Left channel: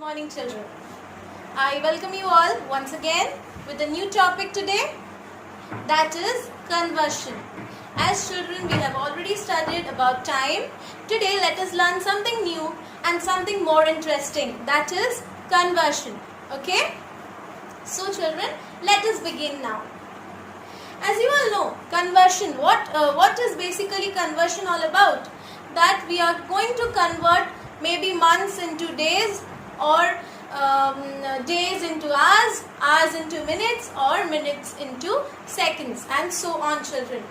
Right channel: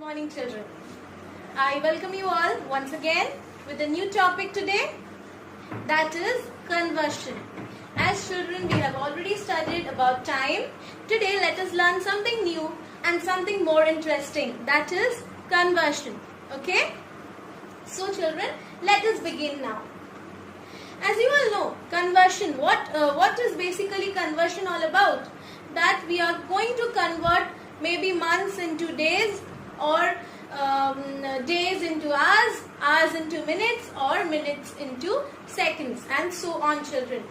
Morning children. I welcome you all once again with a new topic today, that is conversion. As children we have already studied about time. Today let us learn something new and something more interesting, that is conversion. Okay? So children, let us begin now. As you all know, conversion, what is basically conversion all about? That we are going to convert maybe months into days, or days into hours, hours into minutes, or minutes into seconds, and so on children.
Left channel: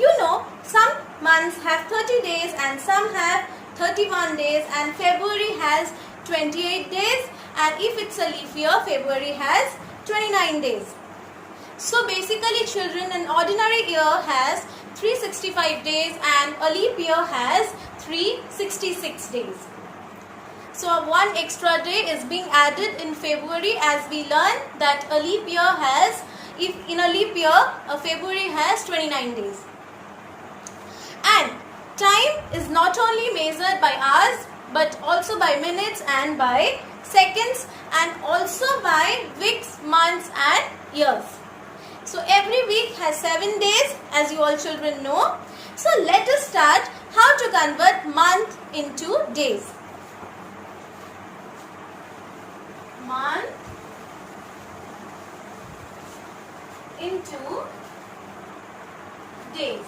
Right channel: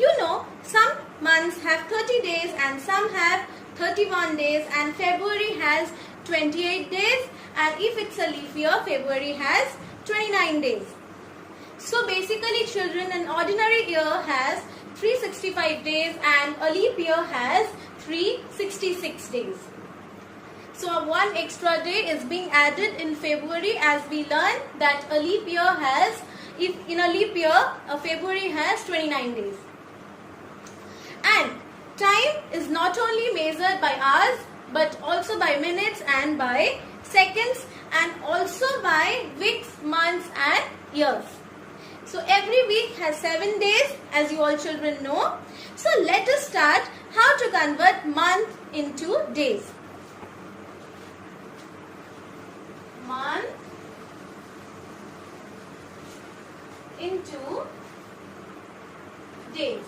You know, some months have 30 days and some have 31 days, and February has 28 days, and if it's a leap year, February has 29 days. So basically children, an ordinary year has 365 days and a leap year has 366 days. So one extra day is being added in February, as we learn that a leap year has, if in a leap year, a February has 29 days. And time is not only measured by hours but also by minutes and by seconds, and also by weeks, months and years. So every week has 7 days, as you all children know. So let us start how to convert month into days. Month into days.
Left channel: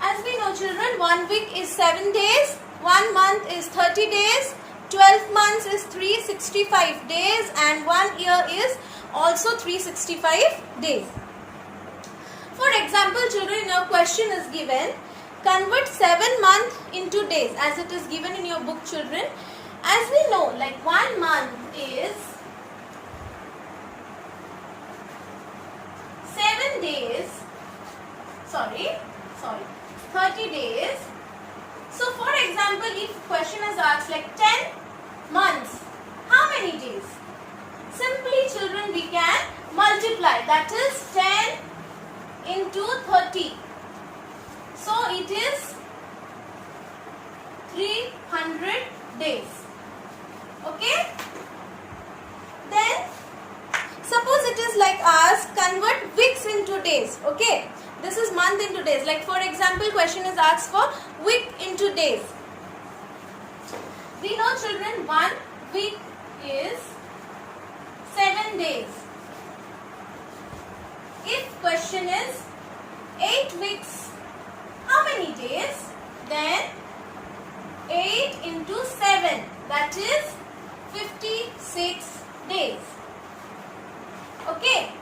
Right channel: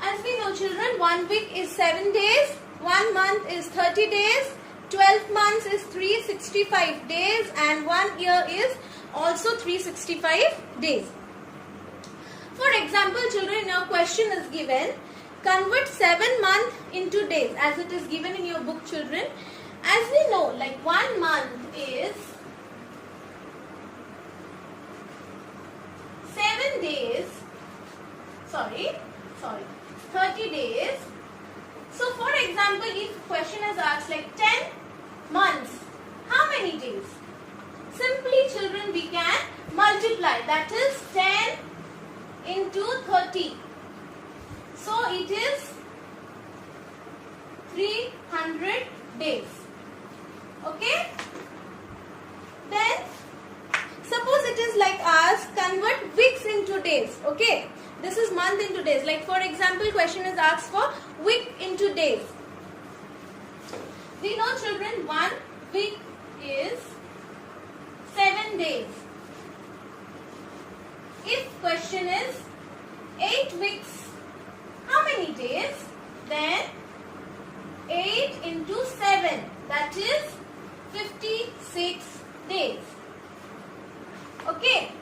As we know children, 1 week is 7 days, 1 month is 30 days, 12 months is 365 days, and 1 year is also 365 days. For example children, your question is given, convert 7 months into days, as it is given in your book children. As we know, like 1 month is 7 days, 30 days. So for example, if question is asked like 10 months, how many days? Simply children, we can multiply, that is 10 into 30. So it is 300 days. Okay? Then suppose it is like us, convert weeks into days. Okay? This is month into days. Like for example, question is asked for week into days. We know children, 1 week is 7 days. If question is 8 weeks, how many days? Then 8 into 7, that is 56 days. Okay?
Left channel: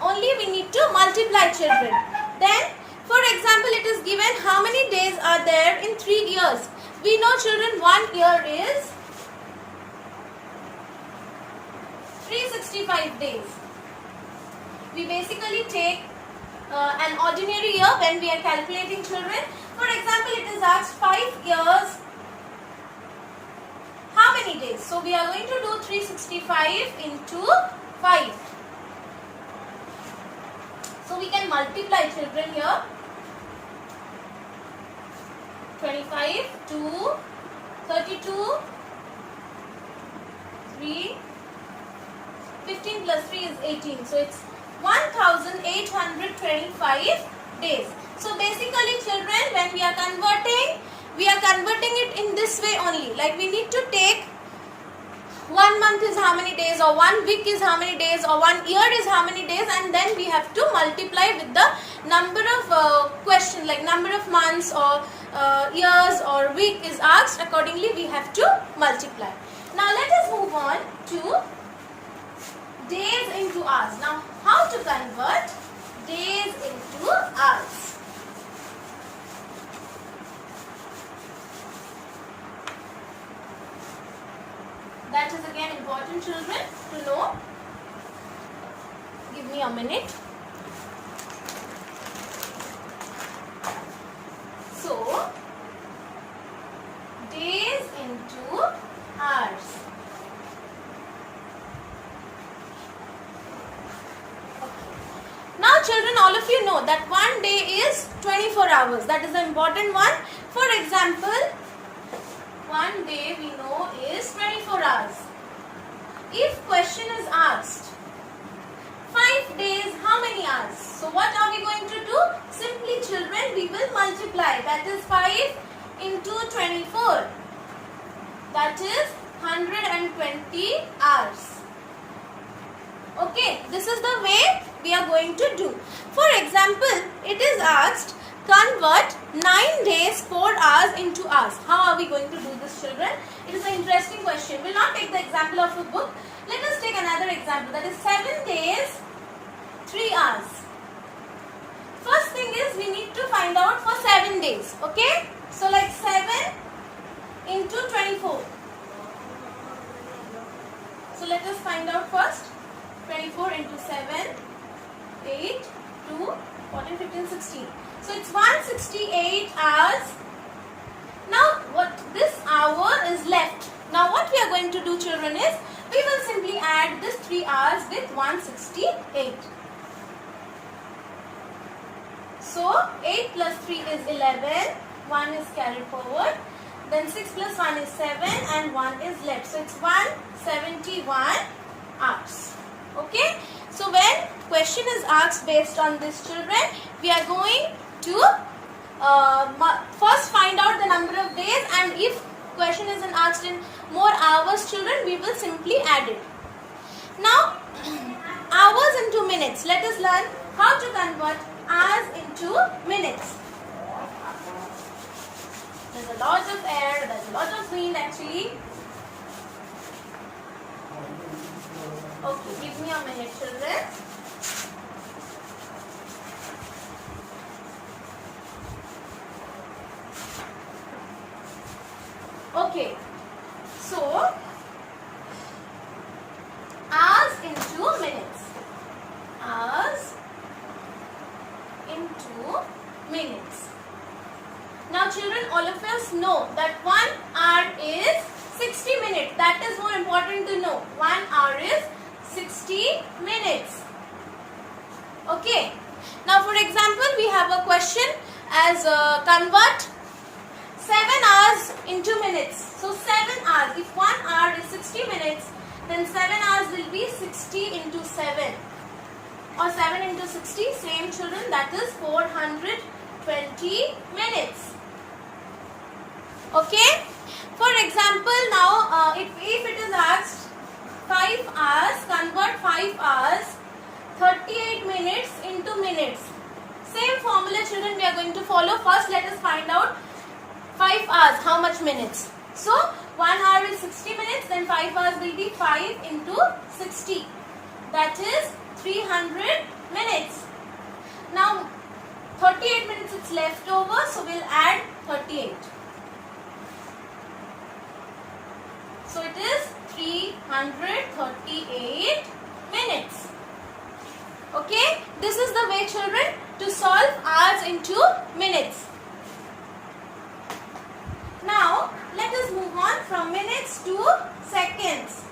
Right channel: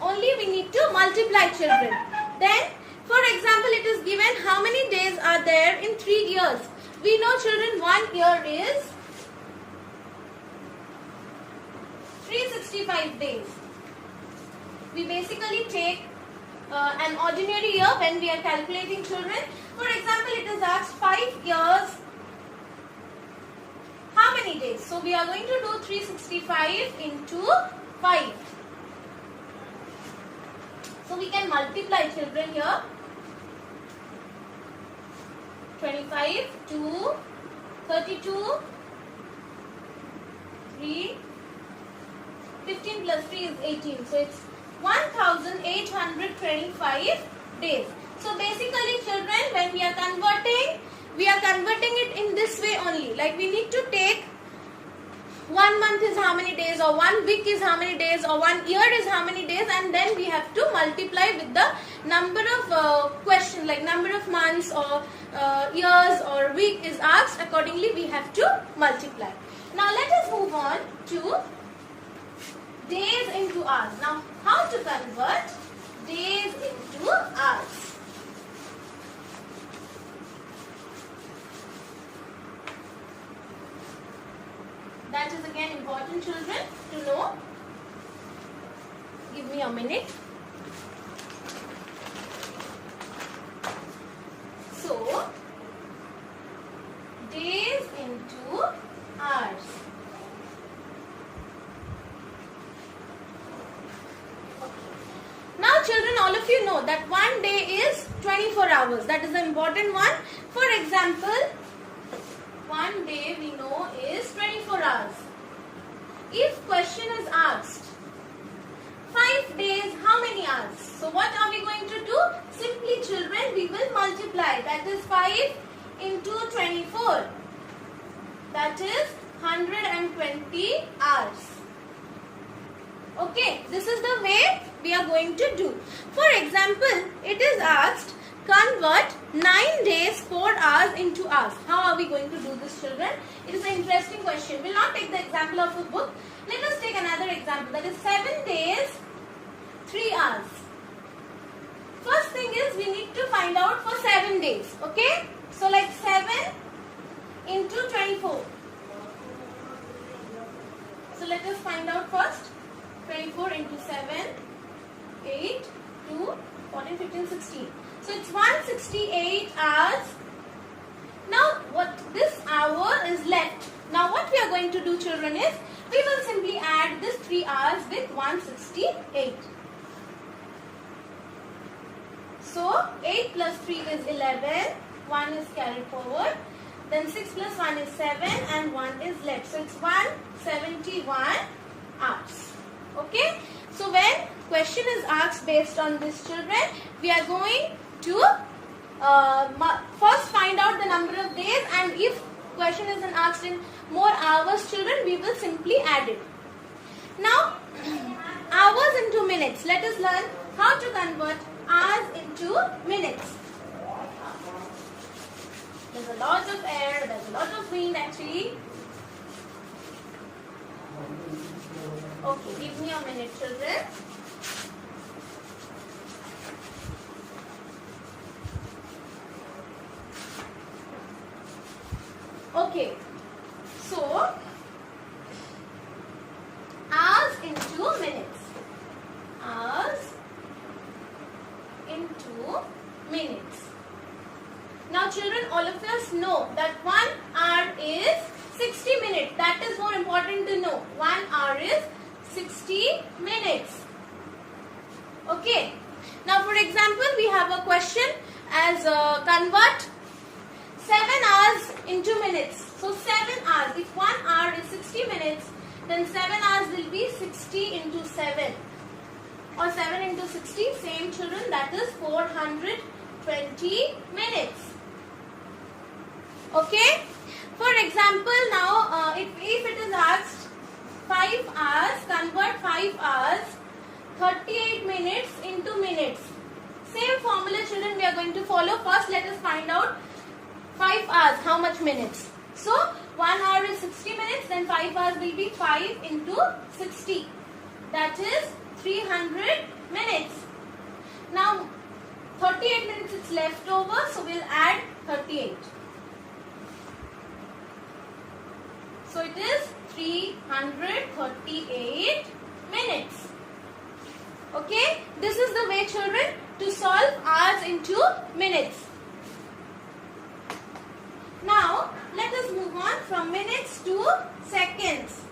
Only we need to multiply children. Then for example, it is given how many days are there in 3 years. We know children, 1 year is 365 days. We basically take an ordinary year when we are calculating children. For example, it is asked 5 years, how many days? So we are going to do 365 into 5. So we can multiply children here. 25, 2, 32, 3, 15 plus 3 is 18. So it's 1825 days. So basically children, when we are converting it in this way only. Like we need to take 1 month is how many days, or 1 week is how many days, or 1 year is how many days, and then we have to multiply with the number of questions, like number of months or years or week is asked. Accordingly we have to multiply. Now let us move on to days into hours. Now how to convert days into hours? That is again important children to know. Give me a minute. So days into hours. Now children, all of you know that one day is 24 hours. That is an important one. For example, if question is asked 5 days, how many hours? So what are we going to do? Simply children, we will multiply. That is 5 into 24. That is 120 hours. Okay, this is the way we are going to do. For example, it is asked, convert 9 days 4 hours into hours. How are we going to do this, children? It is an interesting question. We will not take the example of the book. Let us take another example. That is 7 days 3 hours. First thing is we need to find out for 7 days. Okay? So like 7 into 24. So let us find out first. 24 into 7, 8, 2, 14, 15, 16. So it's 168 hours. Now what this hour is left. Now what we are going to do, children, is we will simply add this 3 hours with 168. So 8 plus 3 is 11. 1 is carried forward. Then 6 plus 1 is 7 and 1 is left. So it's 171 hours. Okay. So when question is asked based on this, children, we are going to first find out the number of days, and if question is asked in more hours, children, we will simply add it. Now hours into minutes. Let us learn how to convert hours into minutes. There's a lot of air, there's a lot of wind actually. Okay, give me a minute, children. Okay, so hours into minutes. Hours into minutes. Now children, all of us know that 1 hour is 60 minutes. That is more important to know. 1 hour is 60 minutes. Okay. Now for example, we have a question as convert 7 hours into minutes. So 7 hours. If 1 hour is 60 minutes, then 7 hours will be 60 into 7. Or 7 into 60, same, children, that is 420 minutes. Okay. For example, now if it is asked 5 hours, convert 5 hours 38 minutes into minutes. Same formula, children, we are going to follow. First, let us find out 5 hours, how much minutes. So 1 hour is 60 minutes, then 5 hours will be 5 into 60. That is 300 minutes. Now 38 minutes is left over, so we'll add 38. So it is 338 minutes. Okay, this is the way, children, to solve hours into minutes. Now let us move on from minutes to seconds.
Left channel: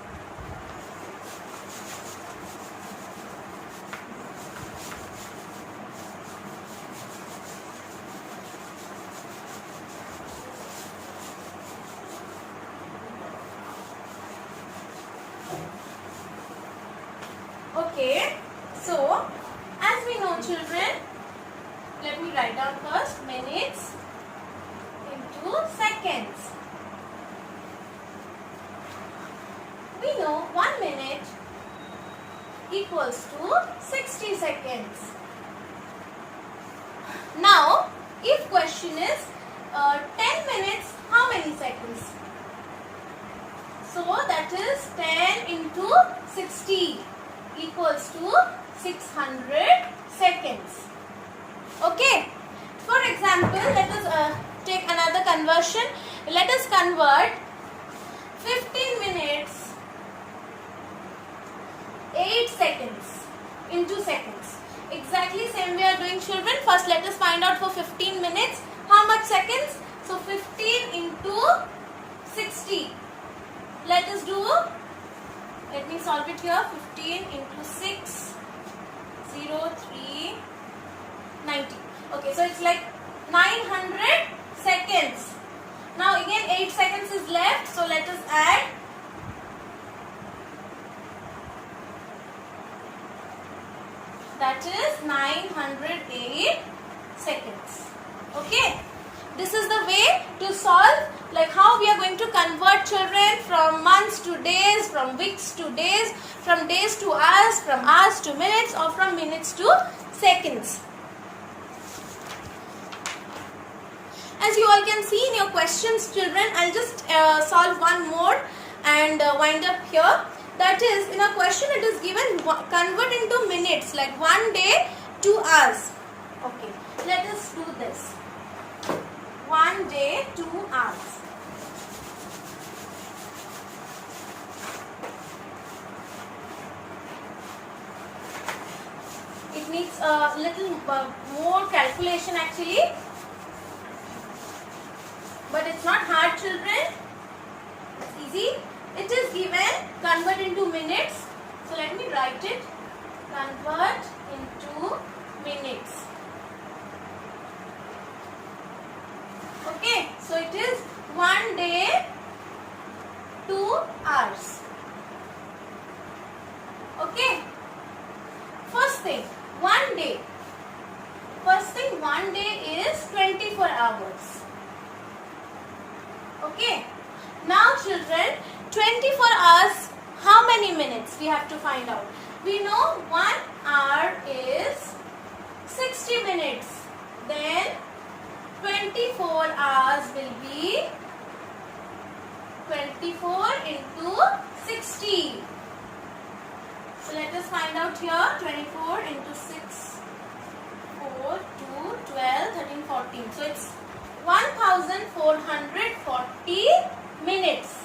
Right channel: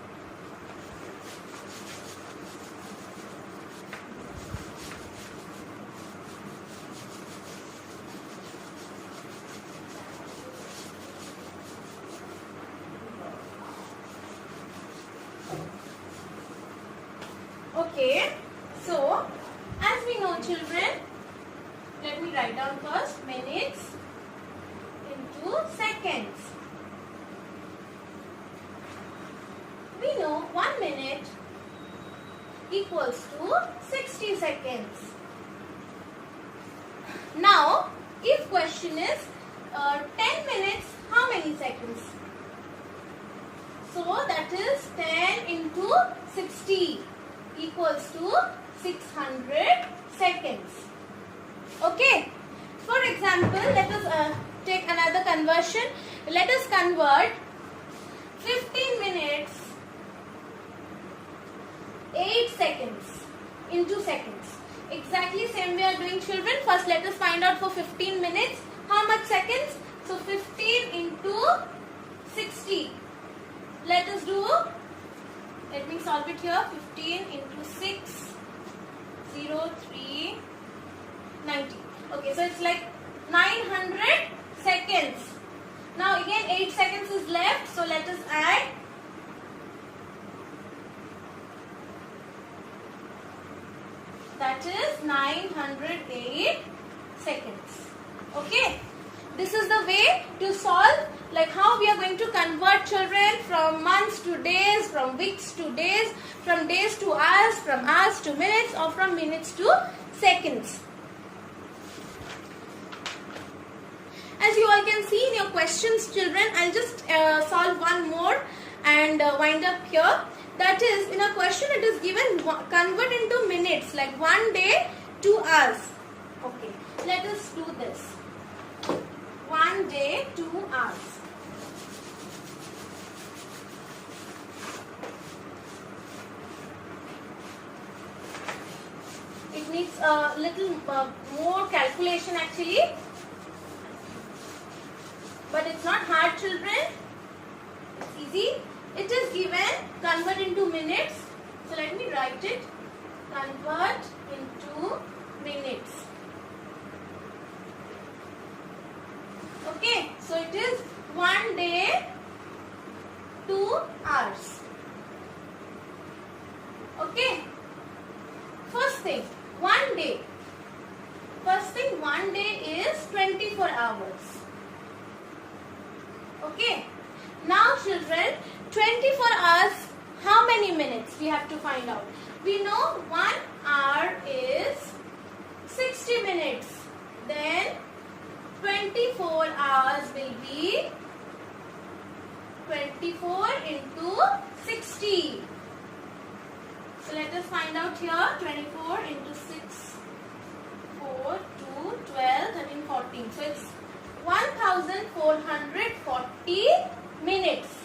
Okay, so as we know, children, let me write down first minutes into seconds. We know 1 minute equals to 60 seconds. Now, if question is 10 minutes, how many seconds? So that is 10 into 60 equals to 600 seconds. Okay. For example, let us take another conversion. Let us convert 15 minutes 8 seconds into seconds. Exactly same we are doing, children. First let us find out for 15 minutes how much seconds. So 15 into 60. Let us do, let me solve it here. 15 into 6, 0, 3, 90. Okay, so it's like 900 seconds. Now again 8 seconds is left. So let us add that is 908 seconds. Okay, this is the way to solve, like how we are going to convert children from months to days, from weeks to days, from days to hours, from hours to minutes, or from minutes to seconds. As you all can see in your questions, children, I'll just solve one more and wind up here. That is, in a question it is given convert into minutes, like 1 day, 2 hours. Okay, let us do this. 1 day, 2 hours. It needs a little more calculation actually. But it's not hard, children. It's easy. It is given convert into minutes. So let me write it. Convert into minutes. Okay. So it is 1 day, 2 hours. Okay. First thing, 1 day. First thing, 1 day is 24 hours. Okay. Now children, 24 hours, how many minutes we have to find out? We know 1 hour is 60 minutes. Then 24 hours will be 24 into 60. So let us find out here. 24 into 6, 4, 2, 12, 13, 14. So it's 1440 minutes.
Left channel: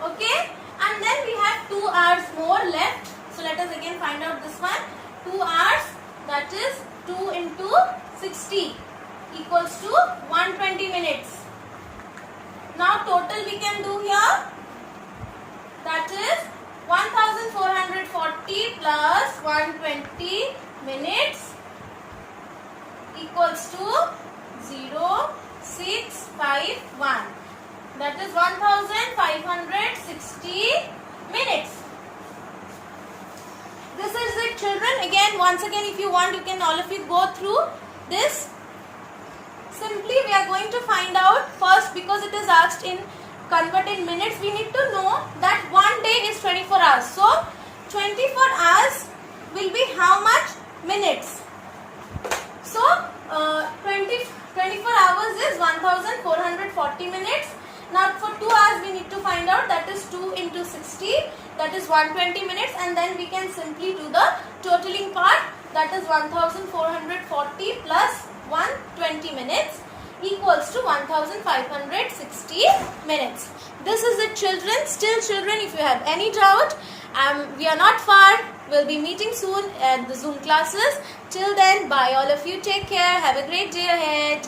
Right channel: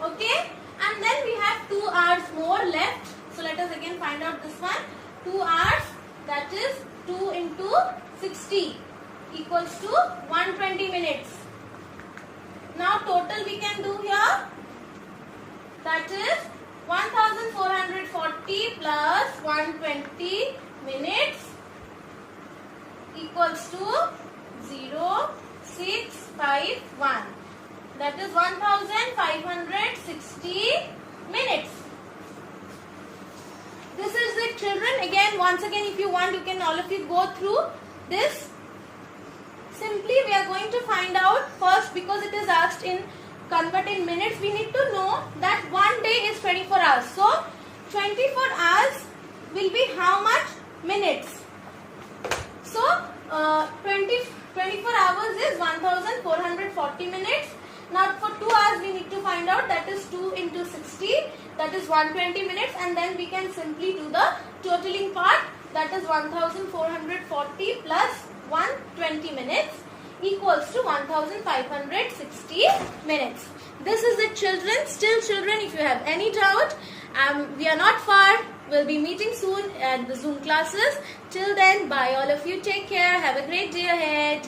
Okay, and then we have 2 hours more left. So let us again find out this one. 2 hours, that is 2 into 60 equals to 120 minutes. Now total we can do here, that is 1440 plus 120 minutes equals to 0651. That is 1560 minutes. This is it, children. Again, once again, if you want, you can all of you go through this. Simply, we are going to find out first, because it is asked in convert in minutes, we need to know that 1 day is 24 hours. So, 24 hours will be how much minutes? So, 24 hours is 1440 minutes. Now for 2 hours we need to find out, that is 2 into 60, that is 120 minutes, and then we can simply do the totaling part, that is 1440 plus 120 minutes equals to 1560 minutes. This is it, children. Still, children, if you have any doubt, we are not far. We'll be meeting soon at the Zoom classes. Till then, bye all of you. Take care. Have a great day ahead.